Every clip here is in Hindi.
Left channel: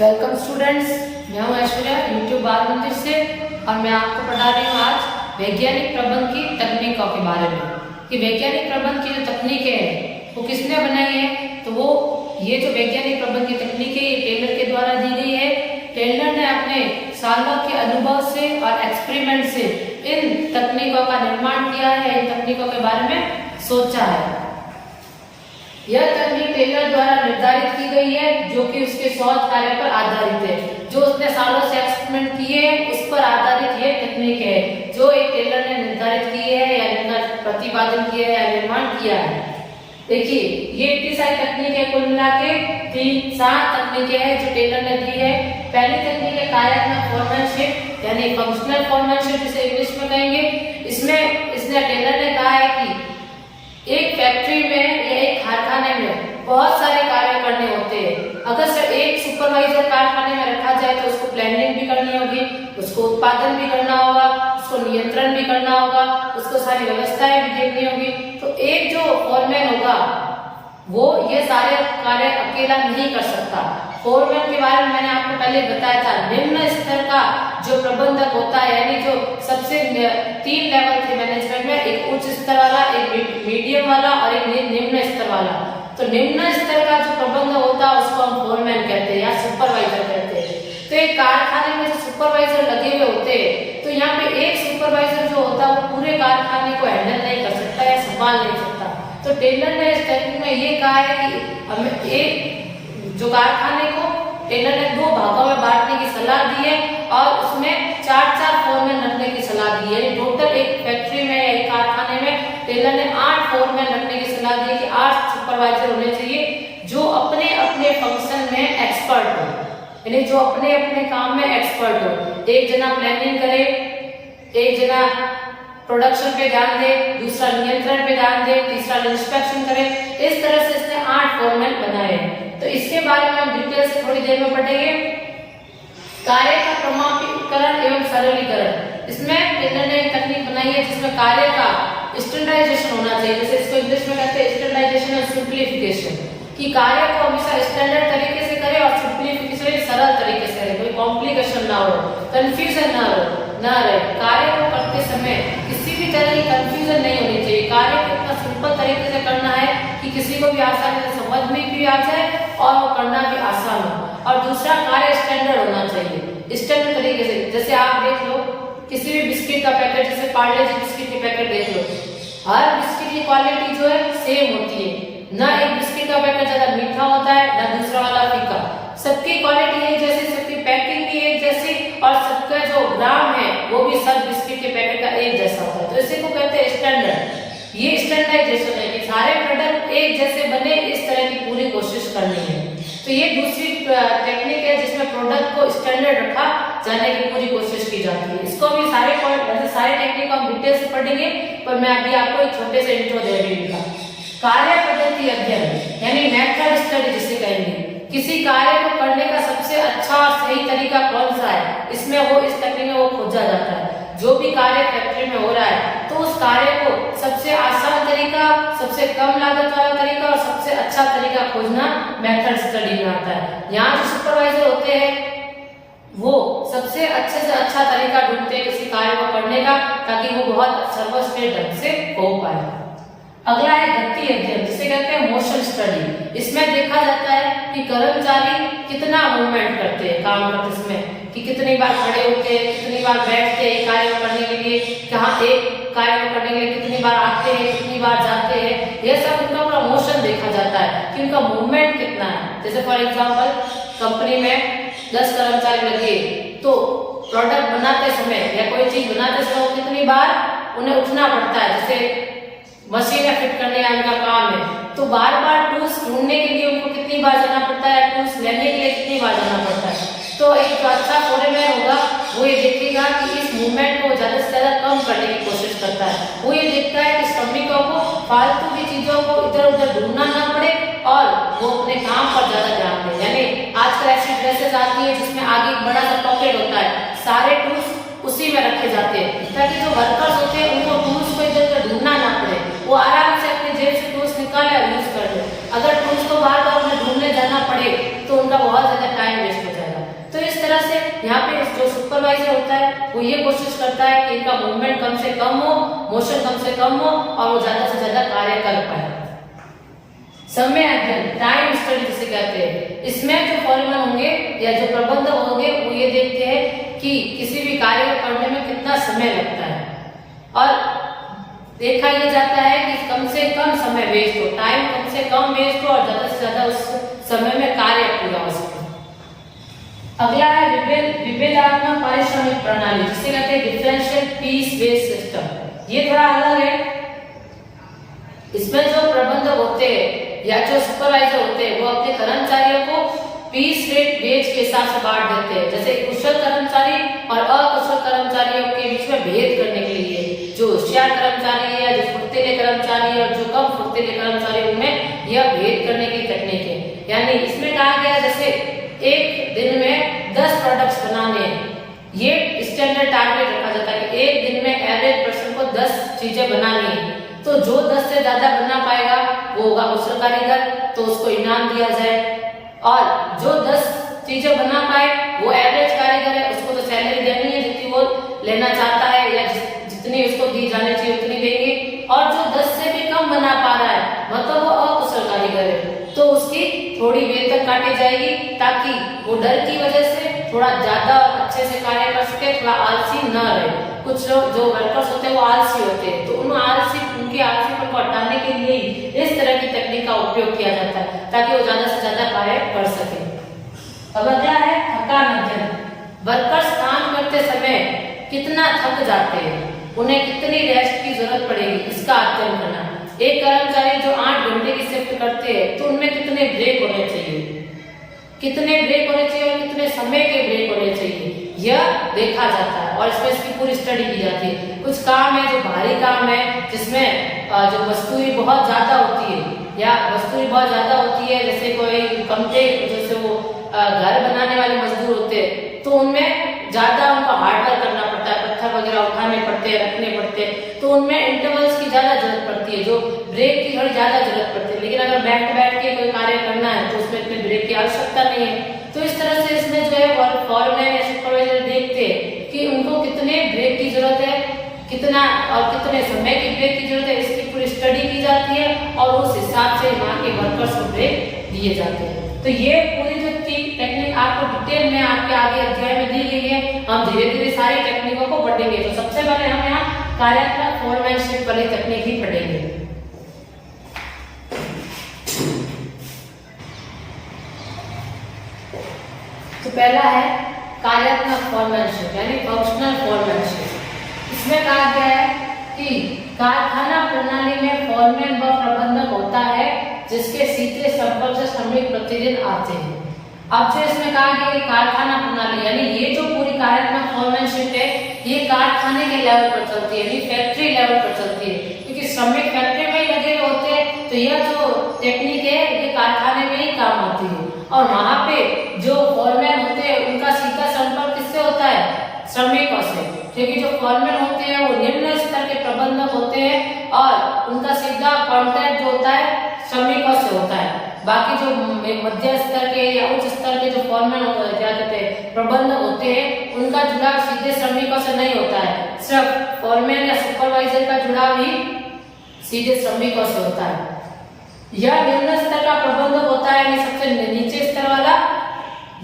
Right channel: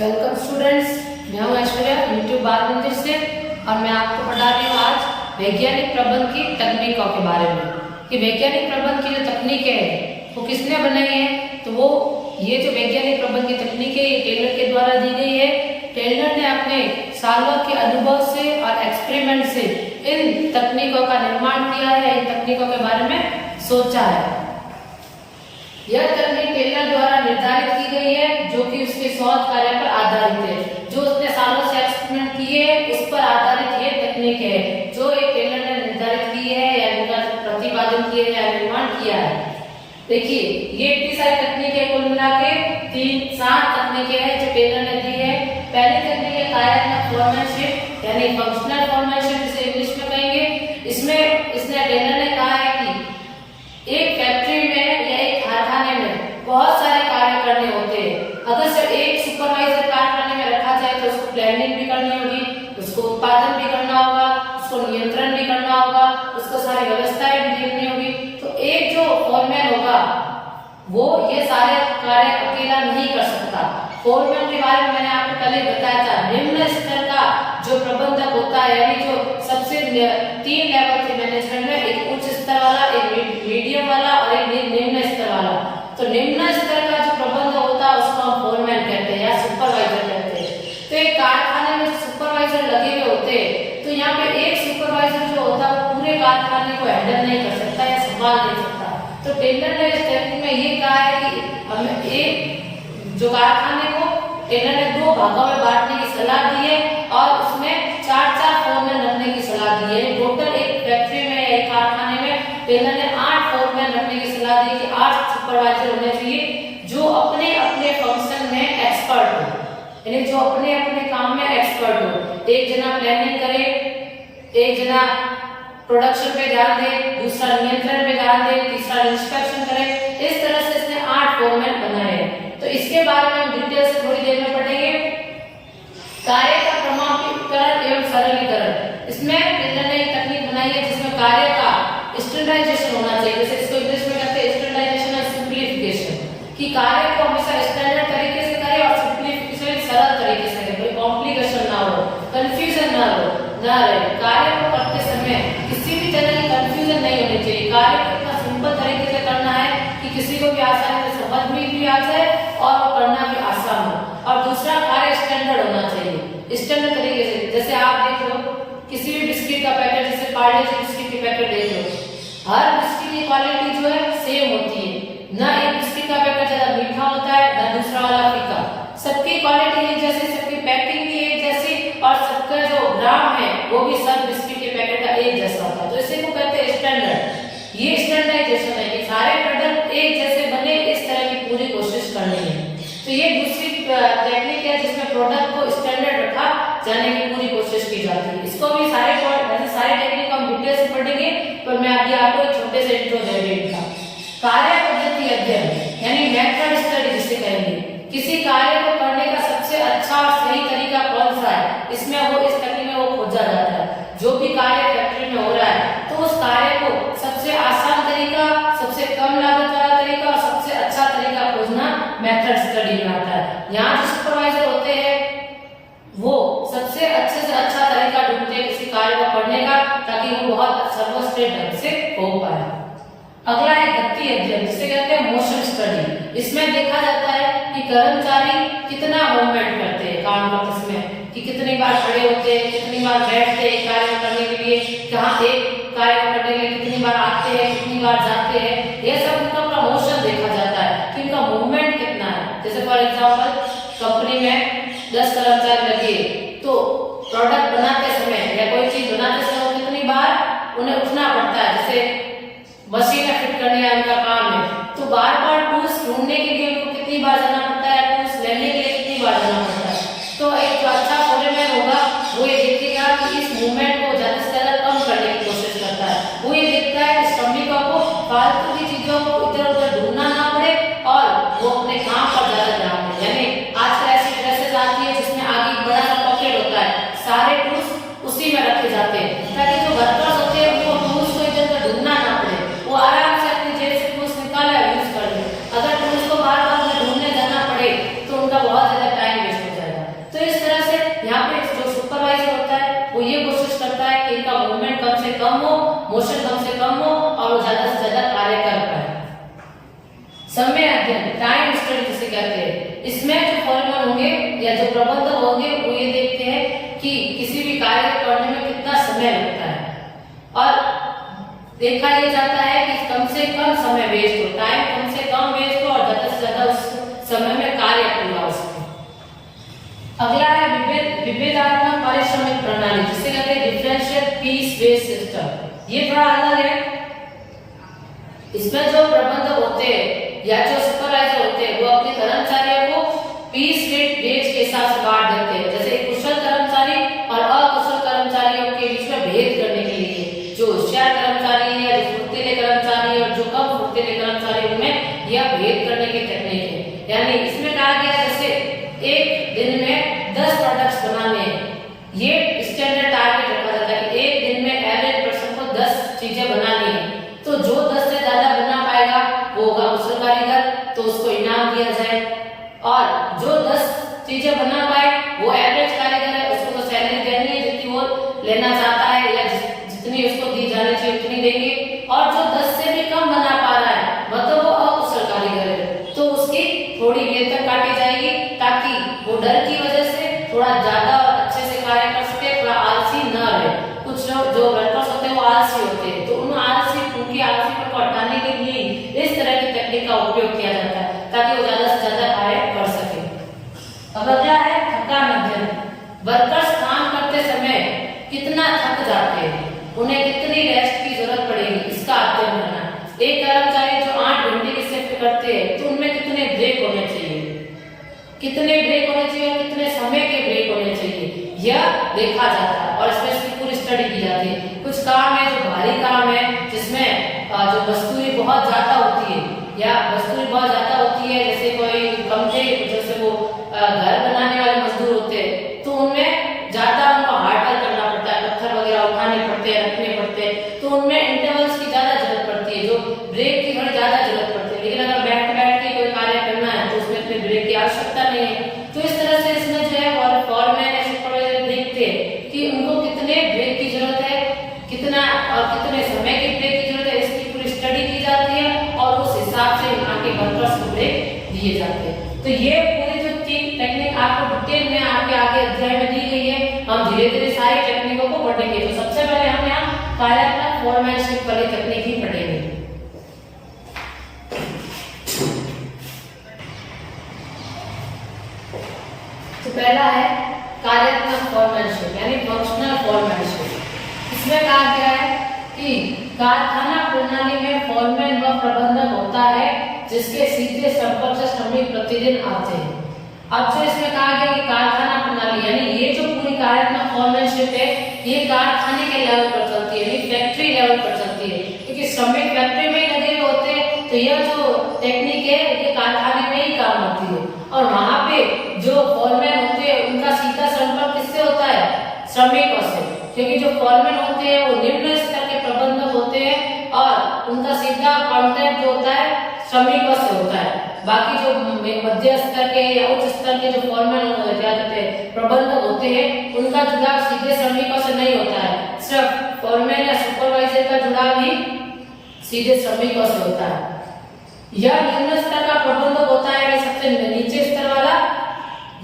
वेलकम स्टूडेंट्स, मैं हूं ऐश्वर्या यूट्यूब बाल मंदिर से और मैं आपको पढ़ा रही हूं आज वैज्ञानिक प्रबंध की तकनीकों के बारे में। कि वैज्ञानिक प्रबंध की जो तकनीकें हैं वो किसने बनाई है, तो वो ये जो वैज्ञानिक प्रबंध की तकनीक है ये टेलर के द्वारा दी गई है। टेलर ने अपने सालों के अनुभव से और एक्सपेरिमेंट से इन तकनीकों का निर्माण किया है, इन तकनीकों के बारे में सोचा है। यह तकनीक टेलर द्वारा निर्धारित की गई है जो कि उसके शोध कार्य पर आधारित है। जो उसने सालों से एक्सपेरिमेंट किए हैं उस पर आधारित ये तकनीक है जो एक टेलर ने निर्धारित की है या प्रतिपादन किया है या निर्माण किया है। देखिए ये इतनी सारी तकनीकें कुल मिला के 3-7 तकनीकें हैं जो टेलर ने दी है। पहली तकनीक है कार्यात्मक फोरमैनशिप यानी फंक्शनल फोरमैनशिप जिसे इंग्लिश में कहेंगे। इसमें इसने टेलर ने कहा है कि एक फैक्ट्री में या एक कारखाने में बहुत सारे कार्य करने होते हैं। अगर सिर्फ एक सुपरवाइजर कारखाने में रखा जाए तो उसको प्लानिंग भी करनी होगी, उसको उत्पादन भी करना होगा, उसको नियंत्रण भी करना होगा, उसको सारी व्यवस्थाएं भी देखनी होगी। तो एक जो फोरमैन होगा वो ये सारे कार्य अकेला नहीं कर सकता। फोरमैन के बारे में मैंने आपको पहले बताया था। निम्न स्तर का जो प्रबंधक होता है यानी जो सबसे 3 लेवल थे मैनेजमेंट में, एक उच्च स्तर वाला, एक मीडियम वाला और एक निम्न स्तर वाला। तो निम्न स्तर का जो प्रबंधक होता है उसको हम फोरमैन कहते हैं या सुपरवाइजर कहते हैं। तो एक कारखाने में जो सुपरवाइजर लगे हुए होते हैं तो यहाँ पे एक सुपरवाइजर जो होता है वो पूरे कारखाने को हैंडल नहीं कर सकता या संभाल नहीं सकता। तो टेलर ने इस तकनीक में ये कहा है कि हमें एक जो कारखाने को टेलर ने 2 भागों में बांटने की सलाह दी है और उसमें 4-4 फोरमैन रखने की सलाह दी है। टोटल एक फैक्ट्री में या एक कारखाने में टेलर ने 8 फोरमैन रखने की सलाह दी कि 8 सुपरवाइजर होने चाहिए जो अपने अपने फंक्शन में एक्सपर्ट हो, यानी जो अपने अपने काम में एक्सपर्ट हो। एक जना प्लानिंग करे, एक जना प्रोडक्शन पे ध्यान दे, दूसरा नियंत्रण पे ध्यान दे, तीसरा इंस्पेक्शन करे। इस तरह से इसने 8 फोरमैन बनाए हैं। तो इसके बारे में हम डिटेल से थोड़ी देर में पढ़ेंगे। कार्य का क्रमबद्धीकरण एवं सरलीकरण। इसमें टेलर ने एक तकनीक बनाई है जिसमें कार्य का स्टैंडर्डाइजेशन होना चाहिए। जैसे इसको इंग्लिश में कहते हैं स्टैंडर्डाइजेशन और सिंप्लीफिकेशन, कि कार्य को हमेशा स्टैंडर्ड तरीके से करें और सिंप्लीफिकेशन सरल तरीके से करें, कोई कॉम्प्लिकेशन ना हो, कंफ्यूजन ना रहे। कार्य को करते समय किसी भी तरह की कंफ्यूजन नहीं होनी चाहिए। कार्य को इतना सिंपल तरीके से करना है कि किसी को भी आसानी से समझ में भी आ जाए और वो करना भी आसान हो। और दूसरा, कार्य स्टैंडर्ड होना चाहिए, स्टैंडर्ड तरीके से। जैसे आप देख लो किसी भी बिस्किट का पैकेट, जैसे पार्ले जी बिस्किट के पैकेट देख लो, हर बिस्किट की क्वालिटी जो है सेम होती है। ना एक बिस्किट का पैकेट ज्यादा मीठा होता है ना दूसरा वाला फीका। सबकी क्वालिटी एक जैसी, सबकी पैकिंग भी एक जैसी और सबका जो ग्राम है वो भी सब बिस्किट के पैकेट का एक जैसा होता है। तो इसी को कहते हैं स्टैंडर्ड। ये स्टैंडर्डाइजेशन है कि सारे प्रोडक्ट एक जैसे बने, इस तरह की पूरी कोशिश करनी है। तो ये दूसरी टेक्निक है जिसमें प्रोडक्ट को स्टैंडर्ड रखा जाने की पूरी कोशिश की जाती है। इसको भी सारे टेक्निक हम डिटेल से पढ़ेंगे, पर मैं अभी आपको एक छोटे से इंट्रो दे रही हूँ। कार्य पद्धति अध्ययन यानी मेथड स्टडी जिसे कहेंगे। किसी कार्य को करने का सबसे अच्छा और सही तरीका कौन सा है, इसमें वो इस तकनीक में वो खोजा जाता है। जो भी कार्य फैक्ट्री में हो रहा है तो उस कार्य को सबसे आसान तरीका, सबसे कम लागत वाला तरीका और सबसे अच्छा तरीका खोजना मेथड स्टडी में आता है। यहाँ जो सुपरवाइजर होते हैं वो सबसे अच्छे से अच्छा तरीका ढूंढते हैं किसी कार्य को करने का, ताकि वो बहुत सर्वश्रेष्ठ ढंग से हो पाए। अगला है गति अध्ययन जिसे कहते हैं मोशन स्टडी। इसमें देखा जाता है कि कर्मचारी कितना मूवमेंट करते हैं काम करते समय, कि कितनी बार खड़े होते हैं, कितनी बार बैठते हैं कार्य करने के लिए, जहाँ एक कार्य करने के लिए कितनी बार आते हैं, कितनी बार जाते हैं। यह सब उनका पूरा मोशन देखा जाता है कि उनका मूवमेंट कितना है। जैसे फॉर एग्जाम्पल कंपनी में 10 कर्मचारी लगे तो प्रोडक्ट बनाते समय या कोई चीज बनाते समय कितनी बार उन्हें उठना पड़ता है। जैसे मशीन फिट करने का उनका काम है तो बार बार टूल्स ढूंढने के लिए उनको कितनी बार जाना पड़ता है, टूल्स लेने के लिए कितनी बार जाना पड़ता है। तो एक जो अच्छा फोरमैन होगा वो ये देखेगा कि इस मूवमेंट को ज्यादा से ज्यादा कम करने की कोशिश करता है। वो ये देखता है कि श्रमिकों को फालतू की चीजों को इधर उधर ढूंढना ना पड़े और वो अपने काम पर ज्यादा ध्यान दे। यानी आजकल ऐसी ड्रेसेस आती है जिसमें आगे एक बड़ा सा पॉकेट होता है, सारे टूल्स उसी में रखे जाते हैं ताकि जो वर्कर्स होते हैं उनको टूल्स को इधर उधर ढूंढना ना पड़े, वो आराम से अपनी जेब से टूल्स निकाले और यूज कर ले। अगर टूल्स को बार बार ढूंढने जाना पड़े तो उनका बहुत ज्यादा टाइम वेस्ट हो जाएगा। इस तरह से यहाँ पे जो सुपरवाइजर होता है वो ये कोशिश करता है कि इनका मूवमेंट कम से कम हो, मोशन कम से कम हो और वो ज्यादा से ज्यादा कार्य कर पाए। समय अध्ययन, टाइम स्टडी जिसे कहते हैं, इसमें जो फॉरमैन होंगे या जो प्रबंधक होंगे वो ये देखते हैं कि किसी भी कार्य को करने में कितना समय लगता है और देखा यह जाता है कि कम से कम समय वेस्ट हो, टाइम कम से कम वेस्ट हो और ज्यादा से ज्यादा उस समय में कार्य पूरा हो सके। अगला है विभेदात्मक पारिश्रमिक प्रणाली जिसे कहते हैं डिफरेंशियल पीस बेस्ड सिस्टम। ये थोड़ा अलग है। इसमें जो प्रबंधक होते हैं या जो सुपरवाइजर होते हैं वो अपने कर्मचारियों को पीस रेट वेज के हिसाब से बांट देते हैं। जैसे कुशल कर्मचारी और अकुशल कर्मचारियों के बीच में भेद करने के लिए जो होशियार कर्मचारी है, जो फुर्तीले कर्मचारी और जो कम फुर्तीले कर्मचारी उनमें यह भेद करने की तकनीक है। यानी इसमें कहा गया जैसे एक दिन में 10 प्रोडक्ट्स बनाने हैं, ये स्टैंडर्ड टारगेट रखा जाता है कि एक दिन में एवरेज पर्सन को 10 चीजें बनानी है। तो जो 10 से ज्यादा बना पाएगा वो होगा कुशल कारीगर, तो उसको इनाम दिया जाए, और जो 10 चीजें बना पाए वो एवरेज कारीगर है, उसको तो सैलरी देनी है जितनी वो लेना चाहता है या जितनी उसको दी जानी चाहिए उतनी देंगे। और जो 10 से भी कम बना पा रहा है मतलब वो अकुशल कारीगर है, तो उसकी थोड़ी वेतन काटी जाएगी ताकि वो डर की वजह से थोड़ा ज्यादा और अच्छे से कार्य कर सके, थोड़ा आलसी न रहे। कुछ लोग जो वर्कर्स होते हैं वो आलसी होते हैं, तो उनकी आलसीपन को हटाने के लिए इस तरह की तकनीक का उपयोग किया जाता है ताकि वो ज्यादा से ज्यादा कार्य कर सके। अब अगला है थकान अध्ययन। वर्कर्स काम करते समय कितना थक जाते हैं, उन्हें कितनी रेस्ट की जरूरत पड़ेगी, इसका अध्ययन करना। एक कर्मचारी जो 8 घंटे की शिफ्ट करते हैं तो उनमें कितने ब्रेक होने चाहिए, कितने ब्रेक होने चाहिए, कितने समय के ब्रेक होने चाहिए, यह देखा जाता है और इसमें इसकी पूरी स्टडी की जाती है। कुछ काम है जो भारी काम है जिसमें जो मजदूरी बहुत ज्यादा होती है या मजदूरी बहुत ज्यादा होती है, जैसे कोई कमते जैसे वो घर बनाने वाले मजदूर होते हैं तो उनमें ज्यादा उनको हार्ड वर्क करना पड़ता है, पत्थर वगैरह उठाने पड़ते हैं, रखने पड़ते हैं, तो उनमें इंटरवल्स की ज्यादा जरूरत पड़ती है, जो ब्रेक की थोड़ी ज्यादा जरूरत पड़ती है। लेकिन अगर बैठ के कोई कार्य करना है तो उसमें इतने ब्रेक की आवश्यकता नहीं है। तो इस तरह से इसमें जो है फॉरमैन या सुपरवाइजर देखते हैं कि उनको कितने ब्रेक की जरूरत है, कितना और कितने समय की ब्रेक की जरूरत है, इसकी पूरी स्टडी की जाती है और उस हिसाब से यहाँ के वर्कर्स को ब्रेक दिए जाते हैं। तो ये पूरी जो टेक्निक आपको डिटेल में आपके आगे अध्याय में दी गई है। हम धीरे धीरे सारी टेक्निकों को पढ़ेंगे। तो सबसे पहले हम यहाँ कार्यात्मक फॉरमैनशिप वाली तकनीक ही पढ़ेंगे। तो पहला है कार्यात्मक फॉरमैनशिप यानी फंक्शनल फॉरमैनशिप। इसमें कहा गया है कि कारखाना प्रणाली में फॉरमैन व प्रबंधक होता है जिसके सीधे संपर्क से श्रमिक प्रतिदिन आते हैं। अब से इसमें कहा गया कि कारखाना प्रणाली यानी ये जो पूरी कार्यात्मक फॉरमैनशिप है ये कारखाने के लेवल पर चलती है, यानी फैक्ट्री लेवल पर चलती है, क्योंकि श्रमिक फैक्ट्री में ही लगे हुए होते हैं। तो यह जो टेक्निक है ये कारखाने में ही काम आती है और वहां पे जो फॉरमैन होते हैं उनका सीधा संपर्क किससे होता है, श्रमिकों से, क्योंकि जो फॉरमैन होते हैं वो निम्न स्तर के प्रबंधक होते हैं और उनका सीधा कांटेक्ट जो होता है श्रमिकों से होता है। बाकी जो मध्य स्तर के या उच्च स्तर के जो फॉरमैन क्या कहते हैं प्रबंधक होते हैं उनका जुड़ाव सीधे श्रमिकों से नहीं होता है, सिर्फ फॉरमैन या सुपरवाइजर का जुड़ाव ही सीधे श्रमिकों से होता है। यह निम्न स्तर का प्रबंधक होता है, यानी सबसे नीचे स्तर वाला।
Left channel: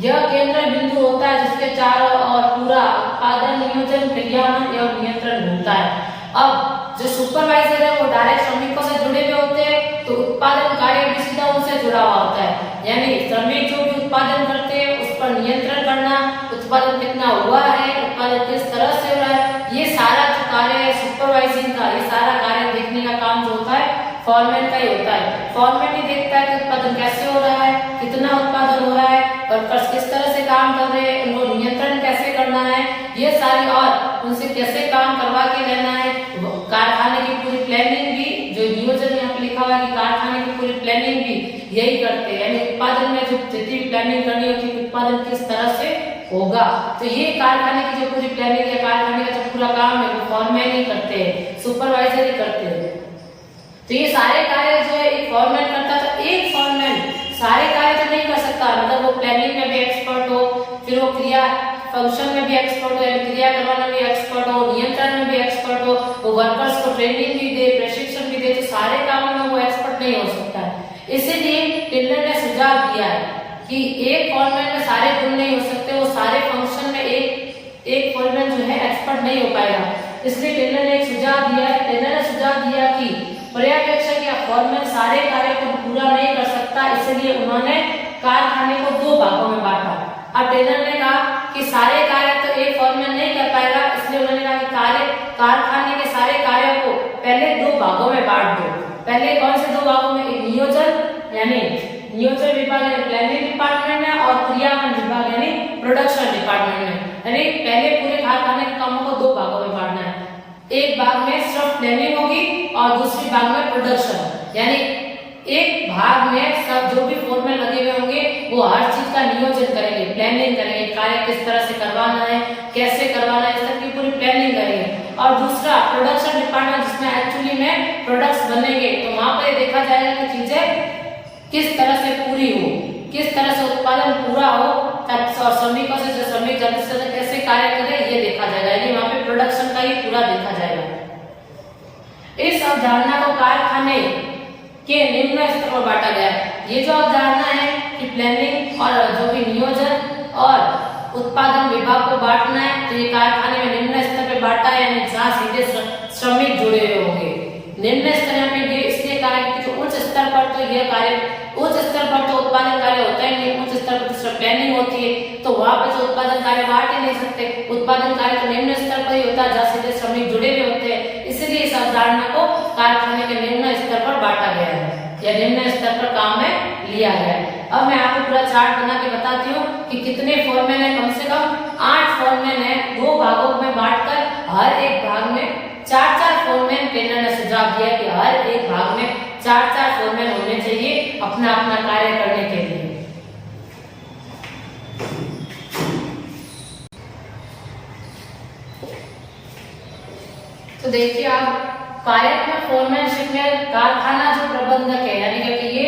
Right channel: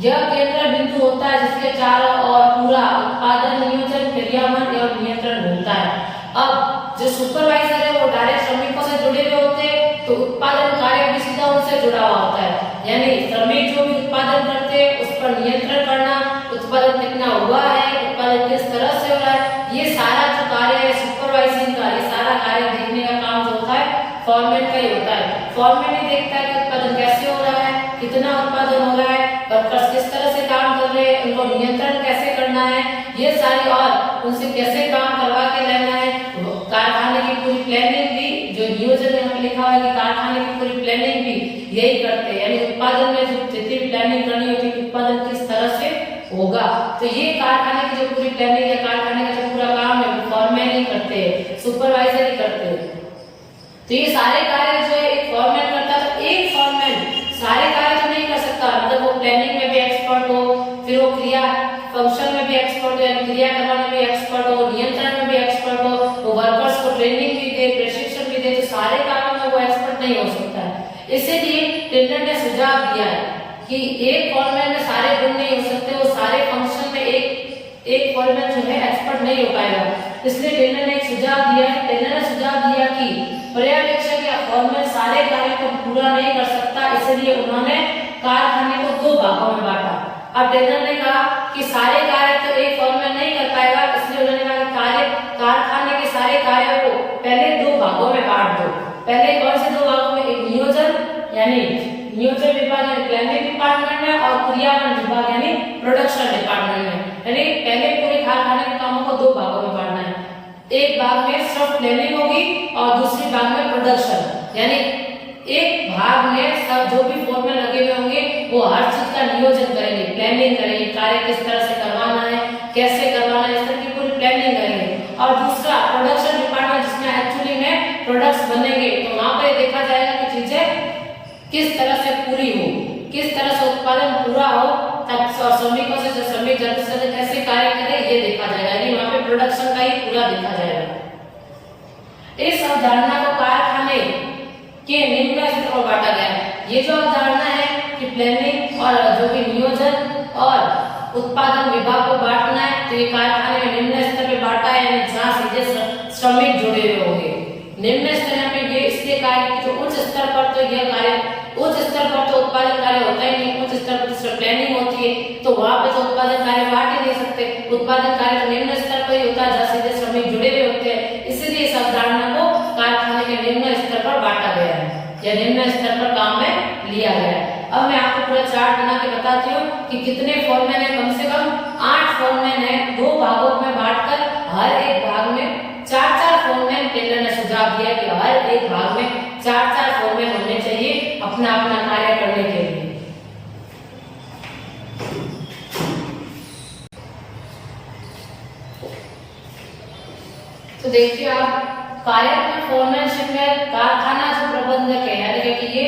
यह केंद्र बिंदु होता है जिसके चारों ओर पूरा उत्पादन, नियोजन, विज्ञापन एवं नियंत्रण होता है। अब जो सुपरवाइजर है वो डायरेक्ट श्रमिकों से जुड़े हुए होते हैं, तो उत्पादन कार्य भी सीधा उनसे जुड़ा हुआ होता है, यानी श्रमिक जो भी उत्पादन करते हैं उस पर नियंत्रण करना, उत्पादन कितना हुआ है, उत्पादन किस तरह से हो रहा है, ये सारा जो कार्य है सुपरवाइजिंग का, ये सारा कार्य देखने का काम जो होता है फॉरमैन का ही होता है। फॉरमैन ही देखता है कि उत्पादन कैसे हो रहा है, कितना उत्पादन हो रहा है, वर्कर्स किस तरह से काम कर रहे हैं, उनको नियंत्रण कैसे करना है, ये सारी और उनसे कैसे काम करवा के लेना है। कारखाने की पूरी प्लानिंग भी जो नियोजन यहाँ पे लिखा हुआ है कि कारखाने की पूरी प्लानिंग भी यही करते हैं, यानी उत्पादन में जो जितनी भी प्लानिंग करनी होती है उत्पादन किस तरह से होगा, तो ये कारखाने की जो पूरी प्लानिंग है, कारखाने का जो पूरा काम है वो फॉरमैन ही करते हैं, सुपरवाइजर ही करते हैं। तो ये सारे कार्य जो है एक फॉरमैन करता है। तो एक फॉरमैन सारे कार्य तो नहीं कर सकता, मतलब वो प्लानिंग में भी एक्सपर्ट हो, फिर वो क्रिया फंक्शन में भी एक्सपर्ट हो, यानी क्रिया करवाने में एक्सपर्ट हो, नियंत्रण में भी एक्सपर्ट हो, वो वर्कर्स को ट्रेनिंग भी दे, प्रशिक्षण भी दे, तो सारे कामों में वो एक्सपर्ट नहीं हो सकता है। इसीलिए टेलर ने सुझाव दिया है कि एक फॉरमैन में सारे गुण नहीं हो सकते, वो सारे फंक्शन में एक फॉरमैन जो है एक्सपर्ट नहीं हो पाएगा। इसलिए टेलर ने एक सुझाव दिया है। टेलर ने सुझाव दिया कि पर्यवेक्षक या फॉरमैन सारे कार्य को पूरा नहीं कर सकता, इसलिए उन्होंने कारखाने को 2 भागों में बांटा। अब टेलर ने कहा कि सारे कार्य तो एक फॉरमैन नहीं कर पाएगा, इसलिए उन्होंने कहा कि कारखाने के सारे कार्यों को पहले 2 भागों में बांट दो। पहले कौन से 2 भागों में? एक नियोजन यानी नियोजन विभाग यानी प्लानिंग डिपार्टमेंट में, और क्रियान्वयन विभाग यानी प्रोडक्शन डिपार्टमेंट में। यानी पहले पूरे कारखाने के कामों को 2 भागों में बांटना है। एक भाग में सिर्फ प्लानिंग होगी और दूसरे भाग में प्रोडक्शन। यानी एक भाग में सब जो भी फॉर्मूले लगे हुए होंगे वो हर चीज का नियोजन करेंगे, प्लानिंग करेंगे, कार्य किस तरह से करवाना है, कैसे करवाना है, इस तरह की पूरी प्लानिंग करेंगे। और दूसरा प्रोडक्शन डिपार्टमेंट, जिसमें एक्चुअली में प्रोडक्ट्स बनेंगे, तो वहां पर देखा जाएगा कि चीजें किस तरह से पूरी हो, किस तरह से उत्पादन पूरा हो, और श्रमिकों से जो श्रमिक जल्द से जल्द कैसे कार्य करें ये देखा जाएगा। यानी वहां पे प्रोडक्शन का ही पूरा देखा जाएगा। इस अवधारणा को कारखाने के निम्न स्तर पर बांटा गया है। ये जो अवधारणा है कि प्लानिंग और जो भी नियोजन और उत्पादन विभाग को बांटना है, तो ये कारखाने में निम्न स्तर पर बांटा है, यानी जहाँ सीधे श्रमिक जुड़े हुए होंगे। निम्न स्तर यहाँ पे ये इसलिए कहा है कि उच्च स्तर पर तो यह कार्य, उच्च स्तर पर तो उत्पादन कार्य होता ही नहीं, उच्च स्तर पर तो प्लानिंग होती है, तो वहां पे तो उत्पादन कार्य बांट ही नहीं सकते। उत्पादन कार्य तो निम्न स्तर पर ही होता है जहाँ सीधे श्रमिक जुड़े हुए होते हैं। इसीलिए इस अवधारणा को कारखाने के निम्न स्तर पर बांटा गया है या निम्न स्तर पर काम में लिया गया है। अब मैं आपको पूरा चार्ट बना के बताती हूँ कि कितने फॉर्मैन है। कम से कम 8 फॉर्मैन है, 2 भागों में बांटकर हर एक भाग में 4-4 फॉर्मैन टेलर ने सुझाव दिया कि हर एक भाग में 4-4 फॉर्मैन होने चाहिए अपना अपना कार्य करने के लिए। तो देखिए आप, कार्यात्मक फॉर्मैनशिप में कारखाना जो प्रबंधक है, यानी कि ये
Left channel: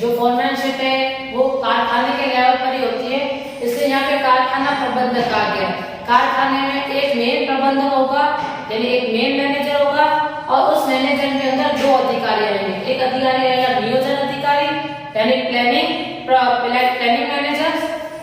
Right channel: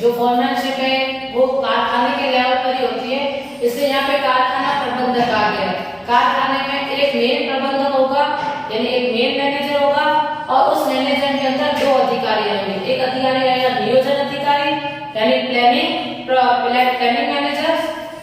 जो फॉर्मैनशिप है वो कारखाने के लेवल पर ही होती है, इसलिए यहाँ पे कारखाना प्रबंधक आ गया। कारखाने में एक मेन प्रबंधक होगा, यानी एक मेन मैनेजर होगा, और उस मैनेजर के अंदर 2 अधिकारी रहेंगे। एक अधिकारी रहेगा नियोजन अधिकारी यानी प्लानिंग मैनेजर,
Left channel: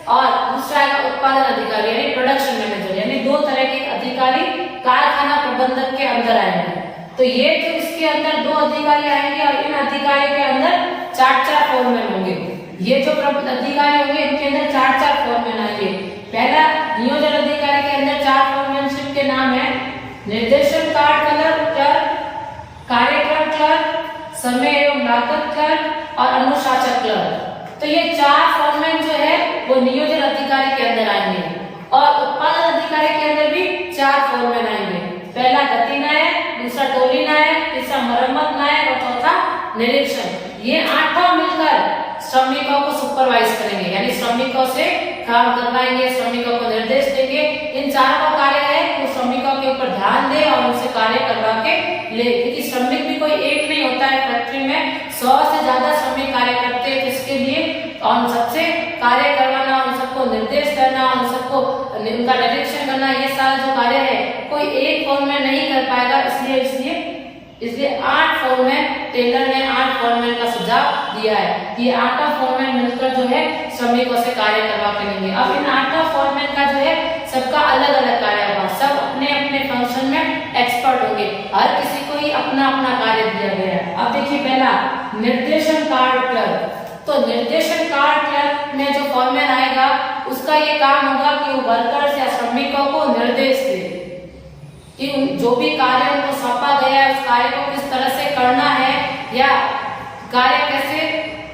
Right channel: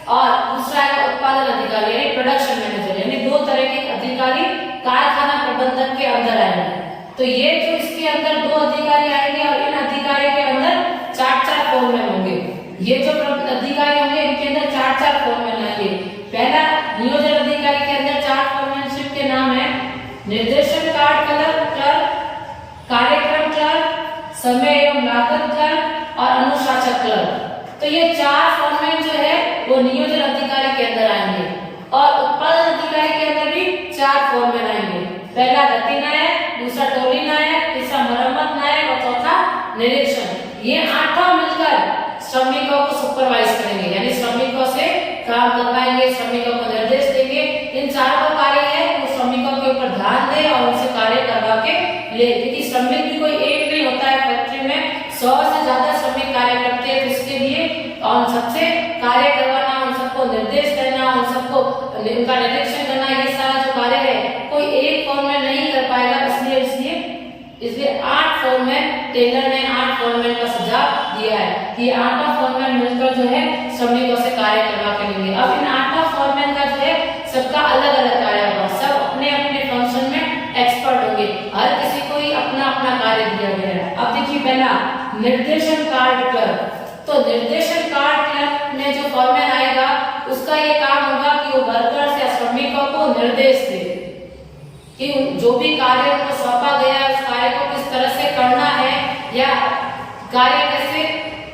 और दूसरा आएगा उत्पादन अधिकारी यानी प्रोडक्शन मैनेजर। यानी 2 तरह के अधिकारी कारखाना प्रबंधक के अंदर आएंगे। तो ये जो इसके अंदर 2 अधिकारी आएंगे और इन अधिकारी के अंदर 4-4 फॉर्मैन होंगे। ये जो अधिकारी होंगे इनके अंदर 4-4 फॉर्मैन आएंगे। पहला नियोजन अधिकारी के अंदर 4 फॉर्मैनशिप के नाम है निर्देशन कार्ड क्लर्क, कार्यक्रम क्लर्क, समय एवं लागत क्लर्क और अनुशासन क्लर्क। तो ये 4 फॉर्मैन जो है वो नियोजन अधिकारी के अंदर आएंगे, और उत्पादन अधिकारी के अंदर भी 4 फॉर्मैन आएंगे। पहला गति नायक, दूसरा टोली नायक, तीसरा मरम्मत नायक और चौथा निरीक्षण। ये 8 मिलकर श्रमिकों को सुपरवाइज करेंगे, यानी श्रमिकों से काम करवाएंगे, श्रमिकों को निर्देश देंगे। इन 4 का कार्य है कि श्रमिकों के ऊपर ध्यान दे और उनसे कार्य करवा के ले, क्योंकि श्रमिक भी कोई एक नहीं होता है। फैक्ट्री में 100 से ज्यादा श्रमिक कार्य करते हैं, तो इसके लिए उन सबसे कार्य करवाना, उन सबको निर्देश देना, उन सबको उनका निरीक्षण करना, ये सारा जो कार्य है कोई एक फॉर्मैन नहीं कर पाएगा। इसलिए 8 फॉर्मैन, टेलर ने 8 फॉर्मैन का सुझाव दिया है कि 8 फॉर्मैन मिलकर जो है श्रमिकों से कार्य करवा के लेंगे। अब इन 8 फॉर्मैन का जो है सबका अलग अलग कार्य होगा, सब अपने अपने फंक्शन में एक्सपर्ट होंगे, हर किसी को ही अपना अपना कार्य दिया गया है। अब देखिए पहला निर्देशन कार्ड क्लर्क। तो निर्देशन कार्ड क्लर्क में जो फॉर्मैन आएगा उसका ये काम होगा कि वो वर्कर्स या श्रमिकों को निर्देश दे कि जो भी कार्य उनको सौंपा गया है उस कार्य को किस तरह से करना है, या कार्य कैसे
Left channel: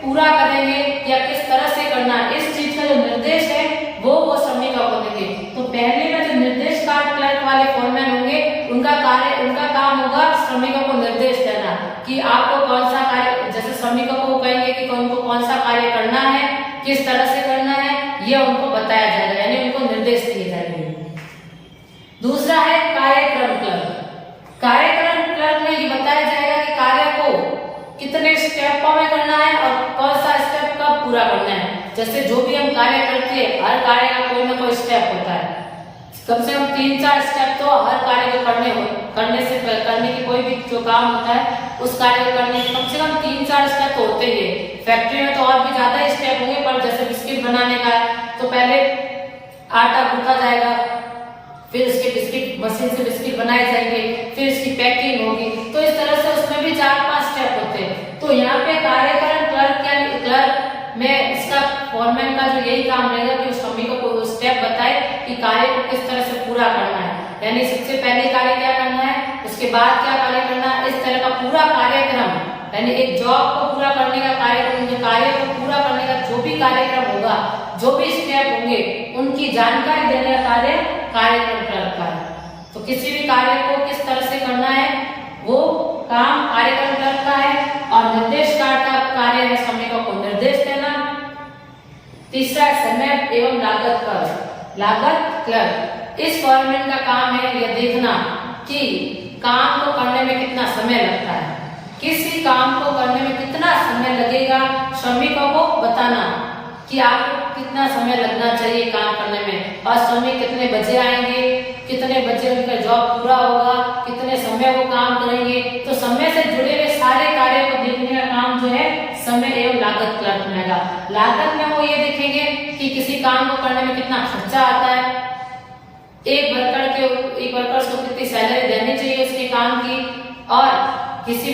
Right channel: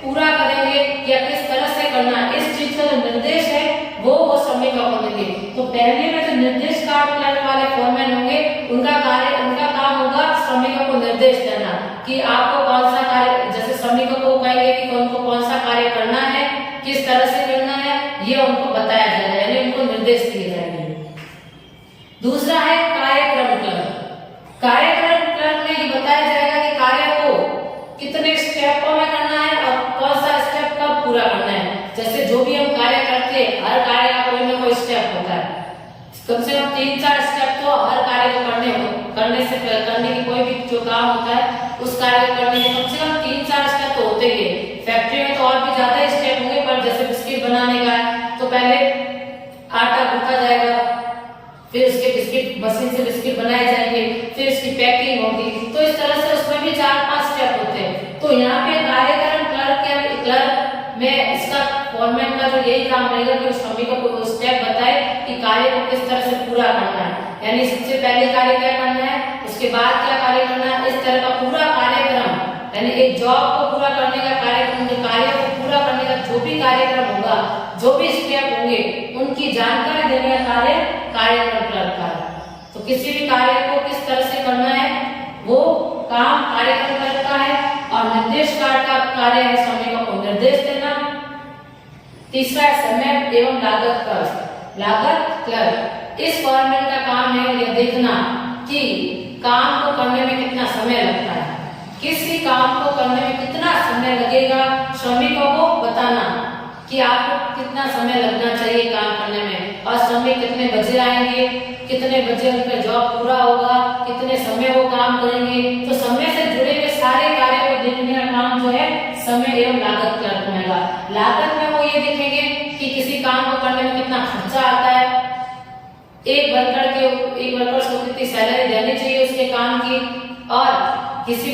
पूरा करेंगे या किस तरह से करना है। इस चीज का जो निर्देश है वो श्रमिकों को देंगे। तो पहले में जो निर्देश कार्ड क्लर्क वाले फॉर्मैन होंगे उनका काम होगा श्रमिकों को निर्देश देना कि आपको कौन सा कार्य, जैसे श्रमिकों को कहेंगे कि उनको कौन सा कार्य करना है, किस तरह से करना है, ये उनको बताया जाएगा, यानी उनको निर्देश दिए जाएंगे। दूसरा है कार्यक्रम क्लर्क। कार्यक्रम क्लर्क में ये बताया जाएगा कि कार्य को कितने स्टेपों में करना है और कौन सा स्टेप कब पूरा करना है। जैसे जो भी हम कार्य करते हैं हर कार्य का कोई ना कोई स्टेप होता है, कम से कम 3-4 स्टेप तो हर कार्य को करने की कोई भी जो काम होता है उस कार्य को करने के कम से कम 3-4 स्टेप तो होते ही है। फैक्ट्री में तो और भी ज्यादा स्टेप होंगे, पर जैसे बिस्किट बनाने का है तो पहले आटा गूंथा जाएगा, फिर उसके बिस्किट मशीन से बिस्किट बनाए जाएंगे, फिर इसकी पैकिंग होगी। तो इस तरह से उसमें भी 4-5 स्टेप होते हैं। तो यहाँ पे कार्यक्रम क्लर्क में इसका फॉरमैन का जो यही काम रहेगा कि श्रमिकों को स्टेप बताए कि कार्य को किस तरह से पूरा करना है, यानी सबसे पहले कार्य क्या करना है, उसके बाद क्या कार्य करना है, इस तरह का पूरा कार्यक्रम, यानी एक जॉब को पूरा करने का कार्यक्रम, जो कार्य को पूरा करने का जो भी कार्यक्रम होगा, जो भी स्टेप होंगे, उनकी जानकारी देने का कार्य कार्यक्रम क्लर्क का है। तो किसी भी कार्य को किस तरह से करना है वो काम कार्यक्रम क्लर्क का है। और निर्देश कार्य का कार्य है श्रमिकों को निर्देश देना। तीसरा है समय एवं लागत क्लर्क। इस फॉरमैन का काम है यह देखना कि काम को करने में कितना समय लगता है, किसी काम को करने में कितना समय लगेगा, श्रमिकों को बताना कि आपको कितना समय लगना चाहिए काम करने में, और श्रमिक कितने बजे आएंगे, कितने बजे उनका जॉब पूरा होगा, कितने समय वो काम करेंगे। तो समय से जुड़े हुए सारे कार्य को देखने का काम जो है समय एवं लागत क्लर्क में है। लागत में वो ये देखेंगे कि किसी काम को करने में कितना खर्चा आता है, एक वर्कर को कितनी सैलरी देनी चाहिए उसके काम की, और किसी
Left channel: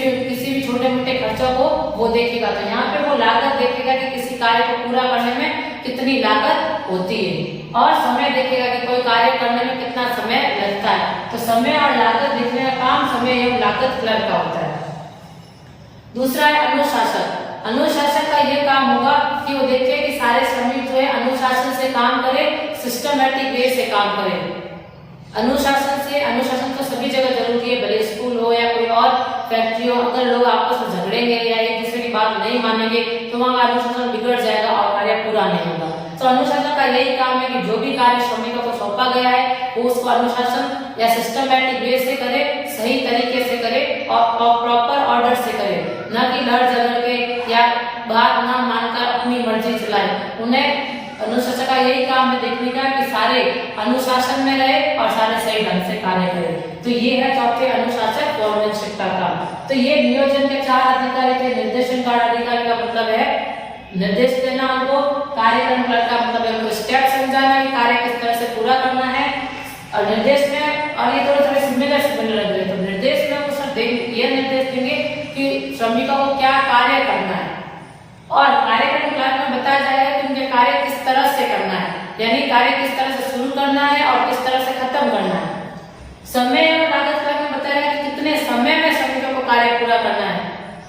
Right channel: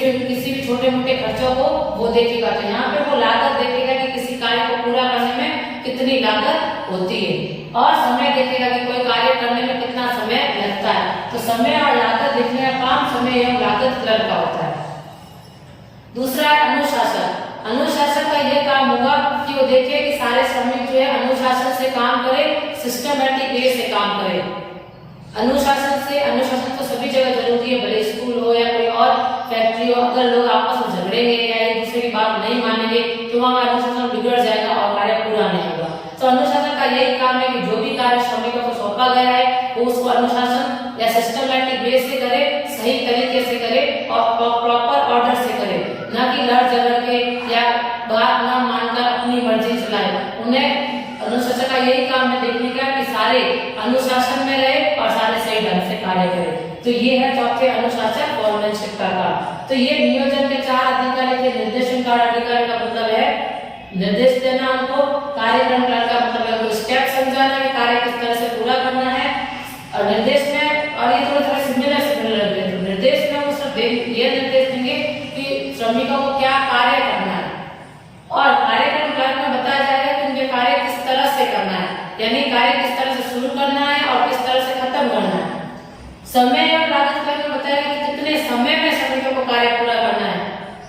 भी छोटे मोटे खर्चों को वो देखेगा। तो यहाँ पे वो लागत देखेगा कि किसी कार्य को पूरा करने में कितनी लागत होती है, और समय देखेगा कि कोई कार्य करने में कितना समय लगता है। तो समय और लागत देखने का काम समय एवं लागत क्लर्क का होता है। दूसरा है अनुशासन। अनुशासन का यह काम होगा कि वो देखे कि सारे श्रमिक जो है अनुशासन से काम करे, सिस्टमैटिक वे से काम करे। अनुशासन तो सभी जगह जरूरी है, भले स्कूल हो या कोई और फैक्ट्री हो। अगर लोग आपस में झगड़ेंगे या एक दूसरे की बात नहीं मानेंगे तो वहाँ अनुशासन बिगड़ जाएगा और कार्य पूरा नहीं होगा। तो अनुशासन का यही काम है कि जो भी कार्य श्रमिकों को सौंपा गया है वो उसको अनुशासन या सिस्टमैटिक वे से करे, सही तरीके से करे और प्रॉपर ऑर्डर से करे, न कि लड़ झगड़ के या बात ना मानकर अपनी मर्जी चलाए। उन्हें अनुशासन का यही काम है देखने का कि सारे अनुशासन में रहे और सारे सही ढंग से कार्य करें। तो ये है चौथे अनुशासन फॉरमैनशिप का काम। तो ये नियोजन के 4 अधिकारी थे। निर्देशन कार्य अधिकारी का मतलब है निर्देश देना उनको, कार्यक्रम क्लर्क का मतलब है उनको स्टेप समझाना कि कार्य किस तरह से पूरा करना है, और निर्देश में, और ये थोड़े सिमिलर लग रहे हैं, तो निर्देश में वो सब ये निर्देश देंगे कि श्रमिकों को क्या कार्य करना है, और कार्यक्रम क्लर्क में बताया जाएगा कि उनके कार्य किस तरह से करना है, यानी कार्य किस तरह से शुरू करना है और किस तरह से खत्म करना है। समय एवं लागत क्लर्क में बताएगा कि कितने समय में श्रमिकों को कार्य पूरा करना है,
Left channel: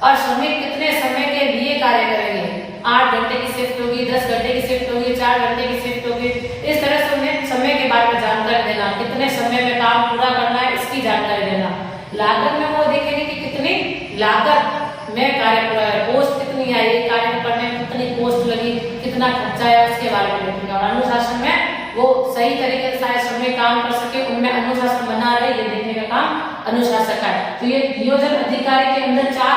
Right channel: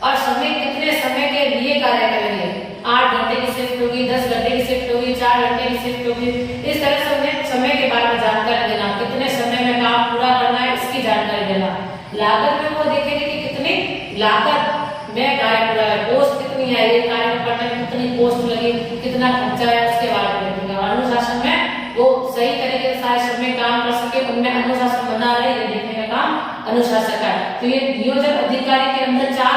और श्रमिक कितने समय के लिए कार्य करेंगे। 8 घंटे की शिफ्ट होगी, 10 घंटे की शिफ्ट होगी, 4 घंटे की शिफ्ट होगी। इस तरह से उन्हें समय के बारे में जानकारी देना, कितने समय में काम पूरा करना है इसकी जानकारी देना। लागत में वो देखेंगे कि कितनी लागत में कार्य पूरा है, कॉस्ट कितनी है, ये कार्य को करने में कितनी कॉस्ट लगी, कितना खर्चा है, उसके बारे में देखेंगे। और अनुशासन में वो सही तरीके से सारे श्रमिक काम कर सके, उनमें अनुशासन बना रहे, ये देखने का काम अनुशासन का है। तो ये नियोजन अधिकारी के अंदर 4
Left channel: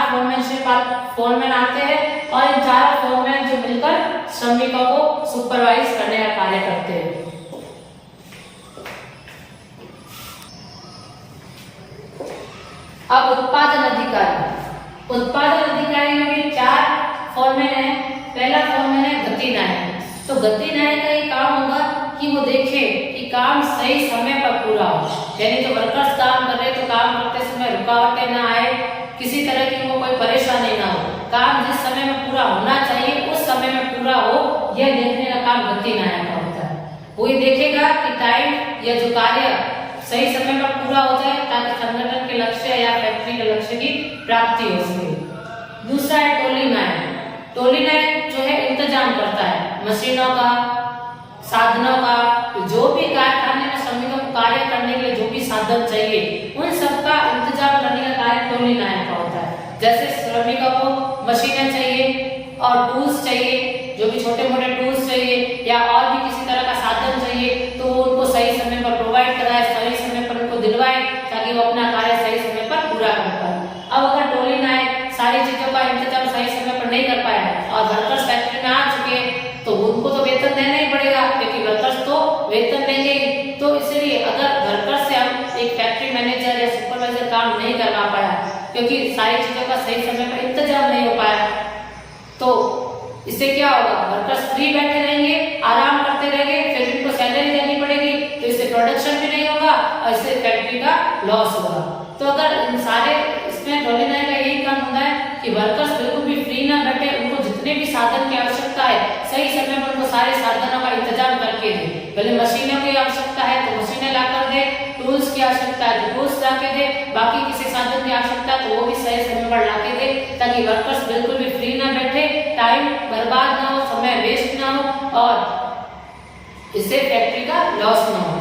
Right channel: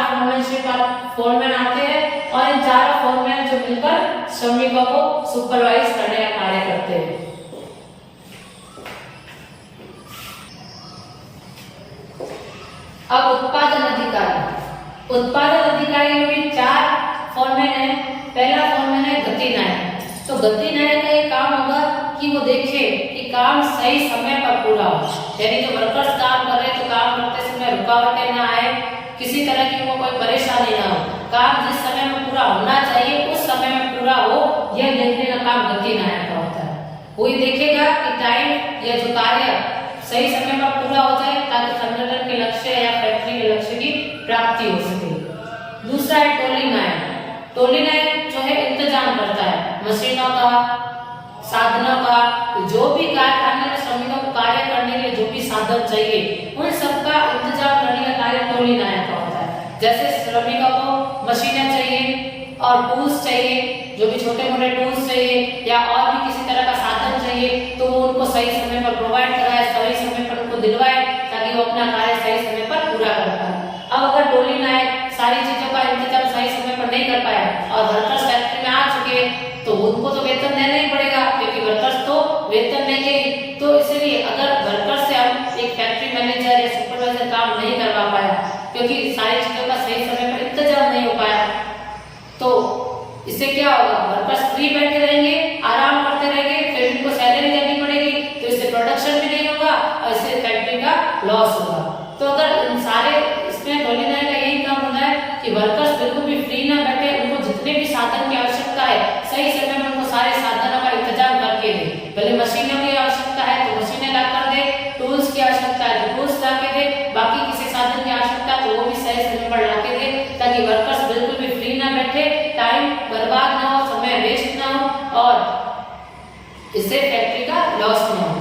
फॉरमैन आते हैं, और इन 4 फॉरमैन जो मिलकर श्रमिकों को सुपरवाइज करने का कार्य करते हैं। अब उत्पादन अधिकारी। उत्पादन अधिकारी में भी 4 फॉरमैन है। पहला फॉरमैन है गति नायक। तो गति नायक का ये काम होगा कि वो देखे कि काम सही समय पर पूरा हो, यानी जो वर्कर्स काम कर रहे हैं तो काम करते समय रुकावटें ना आए, किसी तरह की वो कोई परेशानी ना हो, काम जिस समय में पूरा होना चाहिए उस समय में पूरा हो, यह देखने का काम गति नायक का होता है। वो ये देखेगा कि टाइम या जो कार्य सही समय पर पूरा हो जाए ताकि संगठन के लक्ष्य या फैक्ट्री के लक्ष्य की प्राप्ति हो सके। दूसरा है टोली नायक। टोली नायक जो है इंतजाम करता है मशीनों का, साधनों का, जो भी कारखाने में श्रमिकों को कार्य करने के लिए जो भी साधन चाहिए उन सबका इंतजाम करने का कार्य टोली नायक का होता है। जैसे श्रमिकों को मशीनें चाहिए और टूल्स चाहिए, जो भी छोटे मोटे टूल्स चाहिए या और भी किसी तरह का साधन चाहिए तो वो उनको सही समय पर प्रोवाइड कराए, सही समय पर उनको दिलवाए ताकि वो अपना कार्य सही समय पर पूरा कर पाए। अब अगर टोली नायक सारी चीजों का इंतजाम सही समय पर नहीं कर पाया और वर्कर्स फैक्ट्री में आ चुके हैं तो उनको तो वेतन देना ही पड़ेगा, क्योंकि वर्कर्स तो वेतन लेंगे। तो इसलिए अगर वर्कर्स से हम एक फैक्ट्री मैनेजर या सुपरवाइजर काम नहीं करवा पाया, क्योंकि सारी चीजों का सही समय पर इंतजाम नहीं हो पाया, तो इससे क्या होगा, वर्कर्स फ्री बैठे रहेंगे, आराम करते रहेंगे, फिर इनको सैलरी देनी पड़ेगी, तो इससे प्रोडक्शन भी नहीं होगा और इससे फैक्ट्री का लॉस होगा। तो अगर इन सारे इसमें डोलिनाई का यही काम होता है कि वर्कर्स बिल्कुल भी फ्री ना बैठे, उनको जितने भी साधन की आवश्यकता है सही समय पर उनको सारे साधनों का इंतजाम करके दे। भले मशीनों की आवश्यकता है तो मशीनें ला कर दे, टूल्स की आवश्यकता है तो टूल्स ला के दे, बाकी किसी साधन की आवश्यकता तो वो भी सही समय पर ला के दे, ताकि वर्कर्स बिल्कुल भी फ्री ना बैठे, टाइम बर्बाद ना हो, समय वेस्ट ना हो और इससे फैक्ट्री का लॉस ना हो।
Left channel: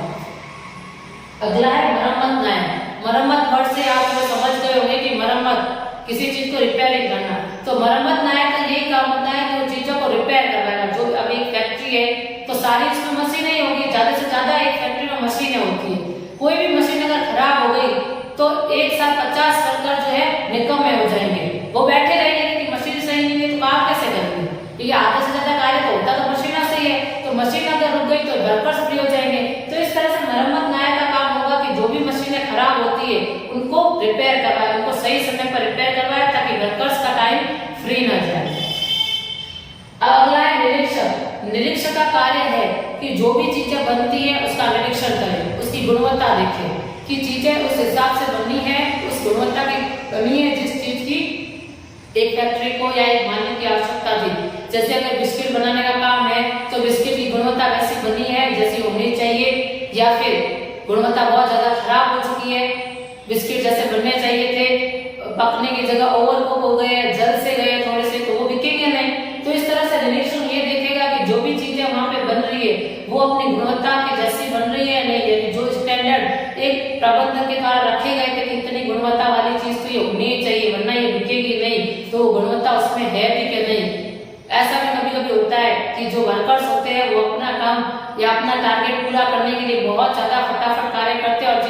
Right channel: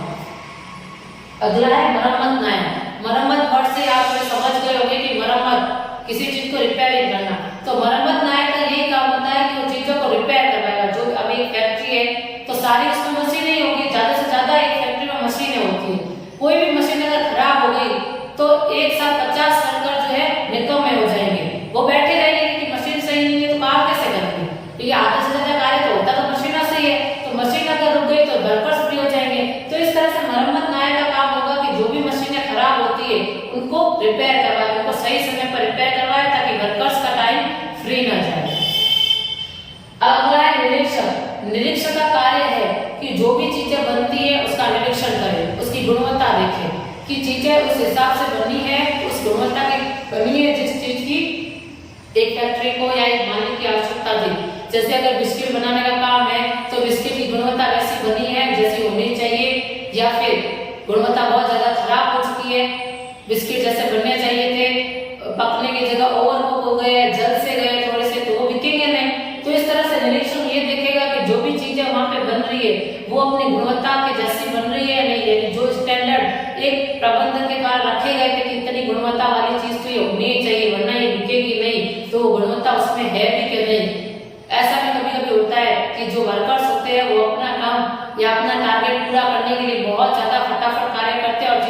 अगला है मरम्मत न्याय। मरम्मत वर्ड से आप लोग समझ गए होंगे कि मरम्मत किसी चीज को रिपेयरिंग करना। तो मरम्मत न्याय का यही काम होता है कि वो चीजों को रिपेयर करवाएगा। जो अब एक फैक्ट्री है तो सारी उसमें मशीनें ही होगी, ज्यादा से ज्यादा एक फैक्ट्री में मशीनें होती है। कोई भी मशीन अगर खराब हो गई तो एक साथ 50 वर्कर जो है निकम्मे हो जाएंगे, वो बैठे रहेंगे कि मशीन सही नहीं है तो काम कैसे करेंगे। तो ये आधा से ज्यादा कार्य तो होता तो मशीन से ही है, तो मशीन अगर रुक गई तो वर्कर्स फ्री हो जाएंगे। तो इस तरह से मरम्मत न्याय का काम होगा कि जो भी मशीनें खराब होती है उनको रिपेयर करवाए, उनको सही समय पर रिपेयर करवाए, ताकि वर्कर्स का टाइम फ्री ना जाए। अगला है निरीक्षक। निरीक्षक का कार्य है कि जो भी चीजें बनती है उसका निरीक्षण करें, उसकी गुणवत्ता देखें कि चीजें उस हिसाब से बनी है, उस गुणवत्ता की बनी है जिस चीज की एक फैक्ट्री को या एक मानने की आवश्यकता थी। जैसे अगर बिस्किट बनाने का काम है तो बिस्किट की गुणवत्ता वैसी बनी है जैसी होनी चाहिए, या फिर गुणवत्ता बहुत ज्यादा खराब हो चुकी है, बिस्किट जैसे बनने चाहिए थे, पकने की जगह ओवरकुक हो गए, जल से गए थोड़े से, तो वो बिकेंगे नहीं। तो इस तरह से निरीक्षण ये देखेगा कि जो भी चीजें वहां पे बन रही है वो अपनी गुणवत्ता के जैसी बन रही है या नहीं है। जो स्टैंडर्ड एक प्रबंधन के द्वारा रखे गए थे कि इतनी गुणवत्ता वाली चीज तो ये होनी चाहिए वरना ये बिकेगी नहीं, तो गुणवत्ता उसमें है भी कि नहीं। ऐसा भी कभी कभी होता है कि जो वर्कर्स होते हैं वो अपना काम या अपना टारगेट पूरा करने के लिए बहुत ज्यादा फटाफट कार्य करते हैं और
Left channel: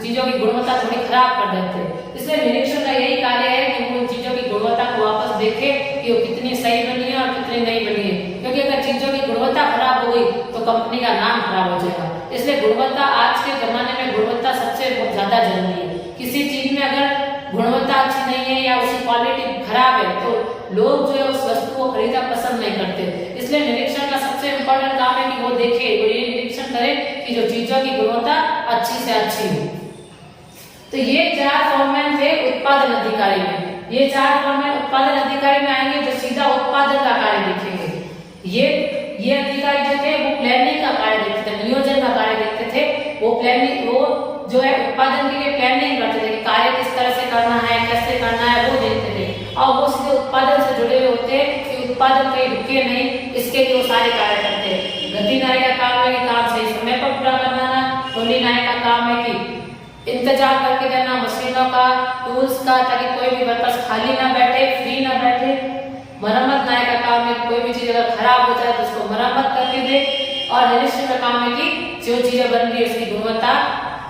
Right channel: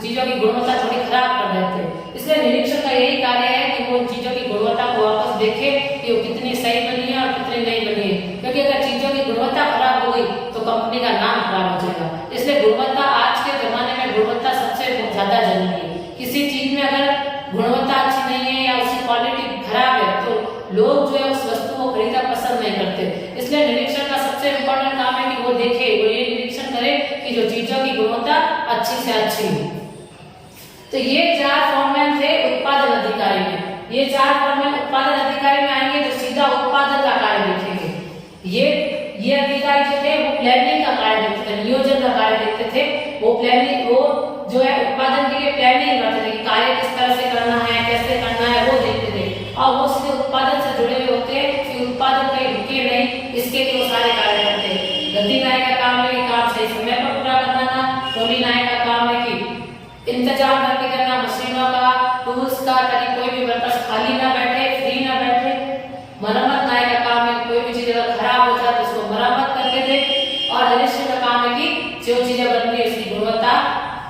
चीजों की गुणवत्ता थोड़ी खराब कर देते हैं। इसलिए निरीक्षण का यही कार्य है कि वो इन चीजों की गुणवत्ता को वापस देखे कि वो कितनी सही बनी है और कितनी नहीं बनी है, क्योंकि अगर चीजों की गुणवत्ता खराब हो गई तो कंपनी का नाम खराब हो जाएगा। इसलिए गुणवत्ता आज के जमाने में गुणवत्ता सबसे ज्यादा जरूरी है। किसी चीज में अगर गुणवत्ता अच्छी नहीं है या उसकी क्वालिटी खराब है तो लोग जो है उस वस्तु को खरीदना पसंद नहीं करते। इसलिए निरीक्षण का सबसे इम्पोर्टेंट काम है कि वो देखे, वो ये निरीक्षण करे कि जो चीजों की गुणवत्ता अच्छी से अच्छी हो। तो ये 4 फॉर्मैन थे उत्पादन अधिकारी में। ये 4 फॉर्मैन उत्पादन अधिकारी में आएंगे जो सीधा उत्पादन का कार्य देखेंगे। ये अधिकारी जो थे वो प्लानिंग का कार्य देखते थे, नियोजन का कार्य देखते थे। वो प्लानिंग, वो जो है उत्पादन के लिए प्लानिंग करते थे कि कार्य किस तरह से करना है, कैसे करना है, वो देखते थे। और वो सीधे उत्पादन से जुड़े हुए होते कि उत्पादन कहीं रुके नहीं, इसके लिए वो सारे कार्य करते हैं। गति न्याय का काम है कि काम सही समय पर पूरा करवाना। टोली न्याय का काम है कि इंतजाम करके देना मशीनों का, टूल्स का, ताकि कोई भी वर्कर्स खाली ना बैठे, फ्री ना बैठे। मरम्मत न्याय का काम है कि कोई भी चीज अगर खराब हो जाए तो उसको मरम्मत करके दे। और निरीक्षण का काम है कि जो चीजें बन रही है उसकी गुणवत्ता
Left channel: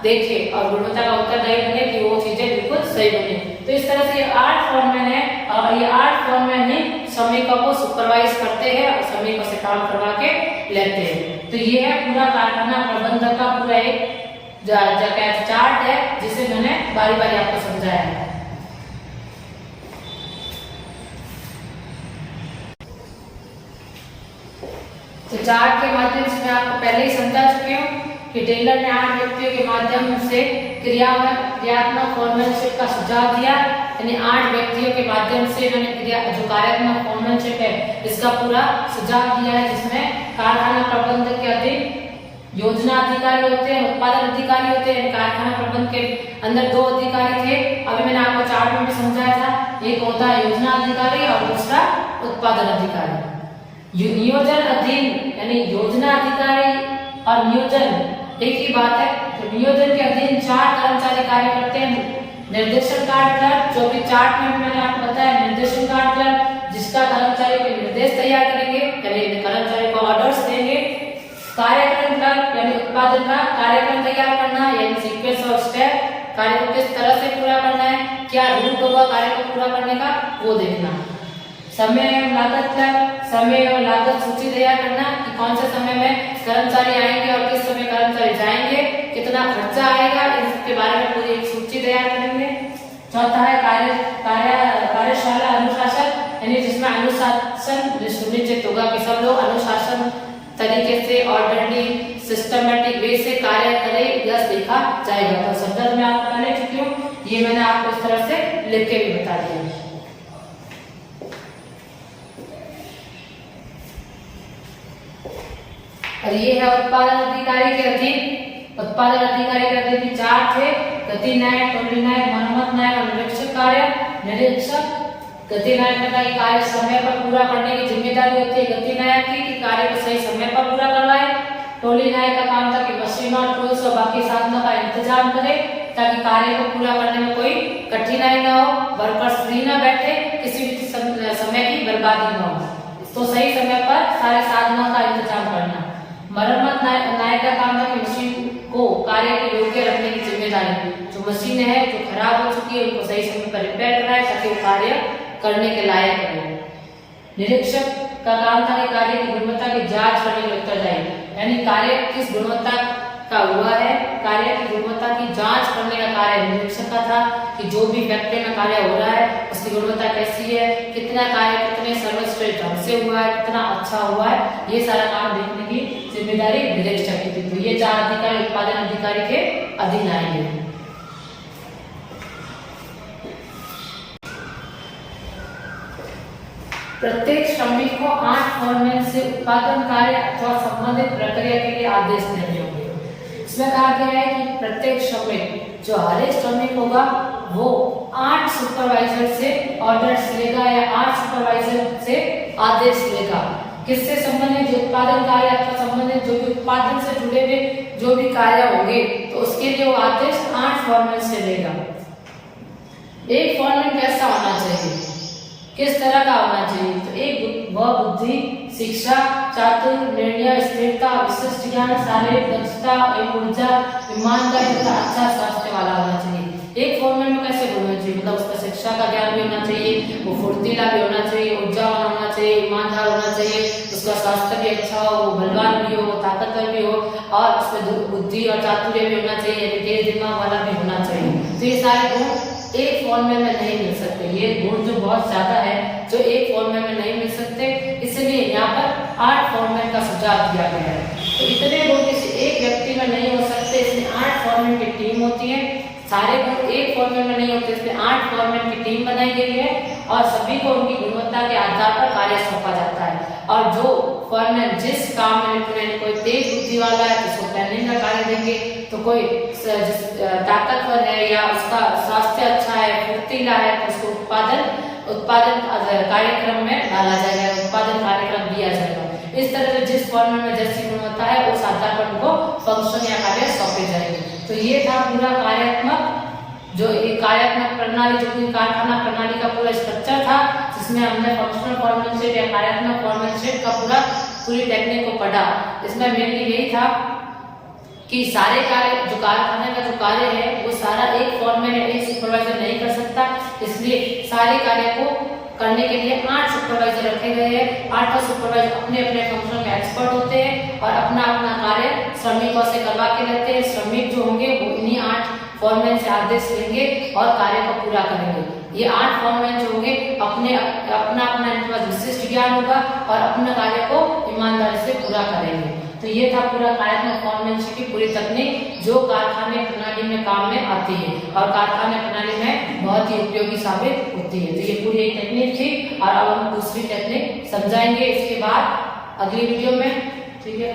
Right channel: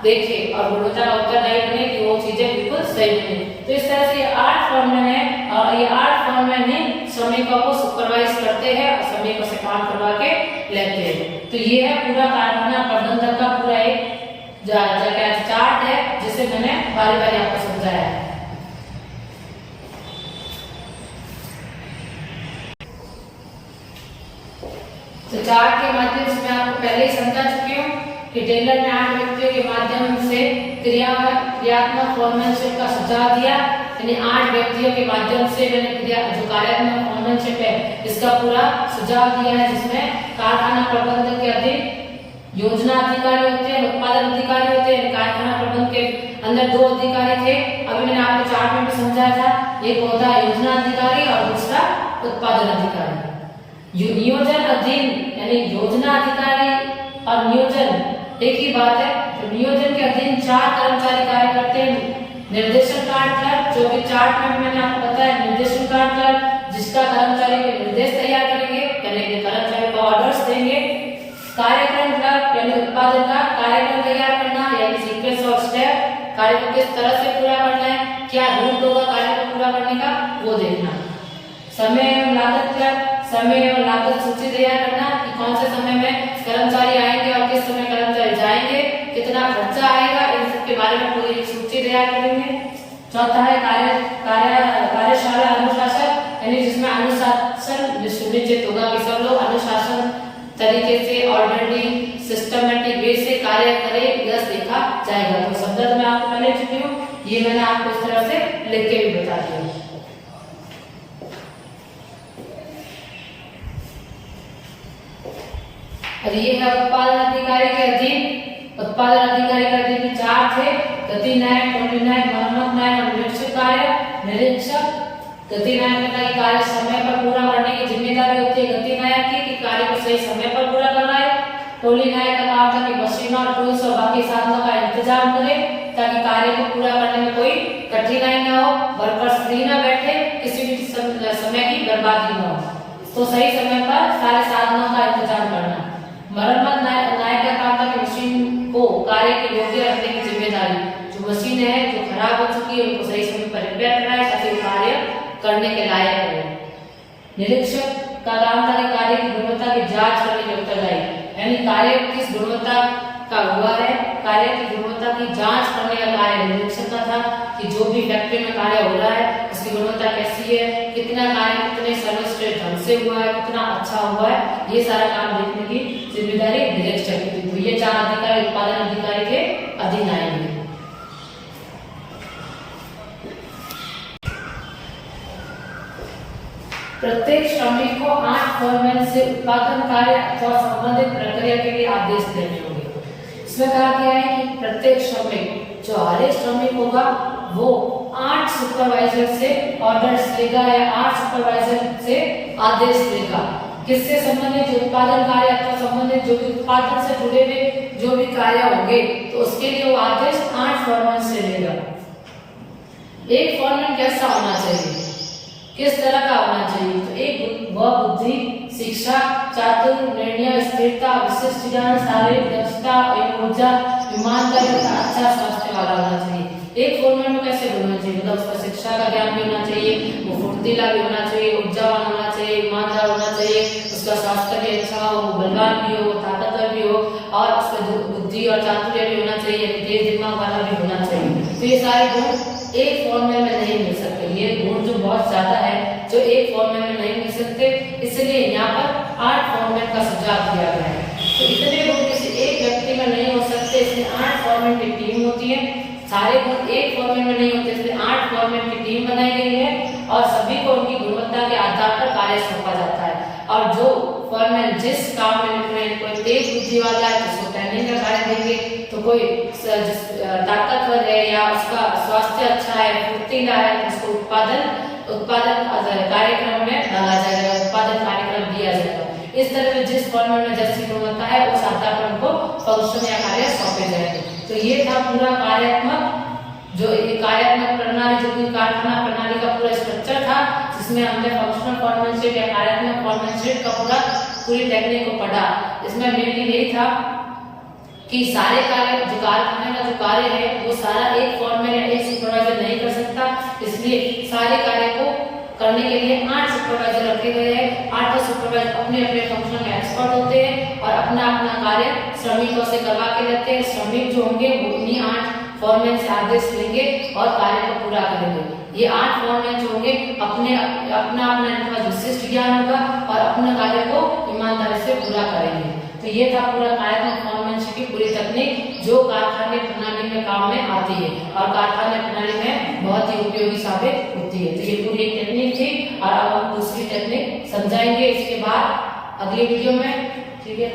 देखे और गुणवत्ता का उत्तरदायी बने कि वो चीजें बिल्कुल सही बने। तो इस तरह से ये 8 फॉर्मैन है और ये 8 फॉर्मैन ही श्रमिकों को सुपरवाइज करते हैं और श्रमिकों से काम करवा के लेते हैं। तो ये है पूरा कारखाना प्रबंधन का पूरा एक चार्ट है जिसे मैंने बारी बारी आपको समझाया है। तो चार्ट के माध्यम से मैं आपको पहले ही समझा चुकी हूँ कि टेलर ने 8 व्यक्तियों के माध्यम से क्रियात्मक फॉर्मैनशिप का सुझाव दिया। यानी 8 व्यक्तियों के माध्यम से मैंने जो कार्यात्मक फॉर्मैनशिप है इसका पूरा सुझाव दिया है, जिसमें कारखाना प्रबंधक के अधीन योजना अधिकारी होते हैं, उत्पादन अधिकारी होते हैं। कारखाना प्रबंधन के अंदर 2 अधिकारी थे, अभी मैंने आपको चार्ट में भी समझाया था। एक होता है योजना अधिकारी और दूसरा उत्पादन अधिकारी। नियोजन अधीन यानी योजना अधिकारी और नियोजन एक ही बात है। तो नियोजन के अधीन 4 कर्मचारी कार्य करते हैं। निर्देशन कार्ड क्लर्क, जो कि चार्ट में मैंने आपको बताया, निर्देशन कार्ड क्लर्क जिसका कर्मचारी के निर्देश तैयार करेंगे, पहले कर्मचारी को ऑर्डर्स देंगे। कार्यक्रम क्लर्क यानी उत्पादन का कार्यक्रम तैयार करना, यानी सीक्वेंस ऑफ स्टेप, कार्य को किस तरह से पूरा करना है, क्या रूट होगा कार्य को पूरा करने का, वो देखना। समय एवं लागत क्लर्क, समय एवं लागत सूची तैयार करना कि कौन से समय में कर्मचारी आएंगे और किस समय कर्मचारी जाएंगे, कितना खर्चा आएगा, इन सब के बारे में पूरी एक सूची तैयार करेंगे। चौथा है कार्यशाला अनुशासन, यानी जिसमें अनुशासन सुनिश्चित होगा कि सब लोग अनुशासन तरीके से ऑर्डरली सिस्टमेटिक वे से कार्य करें, यह देखा जाएगा। तो शब्द मैं आपको पहले चुकी हूँ, ये मैंने आपको इस तरह से लिख के भी बता दिया। और ये है उत्पादन अधिकारी के अधीन। उत्पादन अधिकारी के अधीन की चार थे, गति न्याय, टोली न्याय, मरम्मत न्याय और निरीक्षक कार्य। निरीक्षक गति न्याय का कार्य समय पर पूरा करने की जिम्मेदारी होती है गति न्याय की, कि कार्य को सही समय पर पूरा करवाए। टोली न्याय का काम था कि मशीनों, टूल्स और बाकी साधनों का इंतजाम करे ताकि कार्य को पूरा करने में कोई कठिनाई न हो, वर्कर्स फ्री न बैठे, किसी भी समय की बर्बादी न हो, तो सही समय पर सारे साधनों का इंतजाम करना। मरम्मत न्याय का काम था कि मशीन को कार्य के योग्य रखने की जिम्मेदारी, जो मशीन है जो खराब हो चुकी है उनको सही समय पर रिपेयर करना है ताकि वो कार्य करने के लायक हो। निरीक्षक का काम था कि कार्य की गुणवत्ता की जांच करने में उत्तरदायी, यानी कार्य किस गुणवत्ता का हुआ है, कार्य की गुणवत्ता की जांच करने का कार्य निरीक्षक का था, कि जो भी फैक्ट्री में कार्य हो रहा है उसकी गुणवत्ता कैसी है, कितना कार्य कितने सर्वश्रेष्ठ ढंग से हुआ है, कितना अच्छा हुआ है, ये सारा काम देखने की जिम्मेदारी निरीक्षक की थी। तो ये चार अधिकारी उत्पादन अधिकारी के अधीन आएंगे। प्रत्येक श्रमिक को 8 फॉरमैन से उत्पादन कार्य अथवा संबंधित प्रक्रिया के लिए आदेश देने होंगे। इसमें कहा गया है कि प्रत्येक श्रमिक, जो हर एक श्रमिक होगा वो 8 सुपरवाइजर से ऑर्डर्स लेगा या 8 सुपरवाइजर से आदेश लेगा। किससे संबंधित, जो उत्पादन कार्य अथवा संबंधित जो भी उत्पादन से जुड़े हुए जो भी कार्य होंगे तो उसके लिए वो आदेश 8 फॉरमैन से लेगा। एक फॉरमैन कैसा होना चाहिए, किस तरह का होना चाहिए, तो एक वह बुद्धि, शिक्षा, चातुर्य, निर्णय, स्थिरता, विशिष्ट ज्ञान, शारीरिक दक्षता एवं ऊर्जा, ईमानदारी तथा अच्छा स्वास्थ्य वाला होना चाहिए। एक फॉरमैन में कैसे होना चाहिए, मतलब उसका शिक्षा का ज्ञान भी होना चाहिए, वो फुर्तीला भी होना चाहिए, ऊर्जावान होना चाहिए, ईमानदार होना चाहिए, उसका स्वास्थ्य भी अच्छा हो, वो बलवान भी हो, ताकतवर भी हो, और उसमें बुद्धि और चातुर्य भी होना चाहिए, तेज दिमाग वाला भी होना चाहिए। तो ये सारे गुण एक फॉर्मूले में नहीं मिल सकते, ये गुण जो बहुत ज्यादा है जो एक फॉर्मूले में नहीं मिल सकते, इसलिए यहाँ पर 8 फॉर्मूले का सुझाव दिया गया है। तो इतने गुण किसी एक व्यक्ति में नहीं हो सकते, इसलिए 8 फॉर्मूले की टीम होती है। सारे गुण एक फॉर्मूले में नहीं होते, इसलिए 8 फॉर्मूले की टीम बनाई गई है और सभी को उनकी गुणवत्ता के आधार पर कार्य सौंपा जाता है। और जो फॉरमैन जिस काम में कोई तेज बुद्धि वाला है तो उसको पहले का कार्य देंगे, तो कोई ताकतवर है या उसका स्वास्थ्य अच्छा है, फुर्तीला है, तो उसको उत्पादन कार्यक्रम में डाला जाएगा, उत्पादन कार्यक्रम दिया जाएगा। इस तरह से जिस फॉर्मूले में जैसी गुणवत्ता है उस आधार पर उनको फंक्शन या कार्य सौंपे जाएंगे। तो ये था पूरा कार्यात्मक प्रणाली, जो पूरी कारखाना प्रणाली का पूरा स्ट्रक्चर था, जिसमें हमने फंक्शनल फॉर्मनशिप या कार्यात्मक फॉर्मनशिप का पूरी टेक्निक को पढ़ा। इसमें मेनली यही था कि सारे कार्य जो कारखाने का जो कार्य है वो सारा एक फॉर्मैन या एक सुपरवाइजर नहीं कर सकता, इसलिए सारे कार्य को करने के लिए 8 सुपरवाइजर रखे गए हैं। 8 सुपरवाइजर अपने अपने फंक्शन में एक्सपर्ट होते हैं और अपना अपना कार्य श्रमिकों से करवा के लेते हैं। श्रमिक जो होंगे वो इन्हीं 8 फॉर्मैन से आदेश लेंगे और कार्य को पूरा करेंगे। ये 8 फॉर्मैन जो होंगे अपना इनके पास विशिष्ट ज्ञान होगा और अपने कार्य को ईमानदारी से पूरा करेंगे। तो ये था पूरा कार्यात्मक फॉर्मैनशिप की पूरी तकनीक जो कारखाने प्रणाली में काम में आती है और कारखाने प्रणाली में बहुत ही उपयोगी साबित होती है। तो ये पूरी एक टेक्निक थी और अब हम दूसरी टेक्निक समझाएंगे इसके बाद अगली वीडियो में। ठीक है।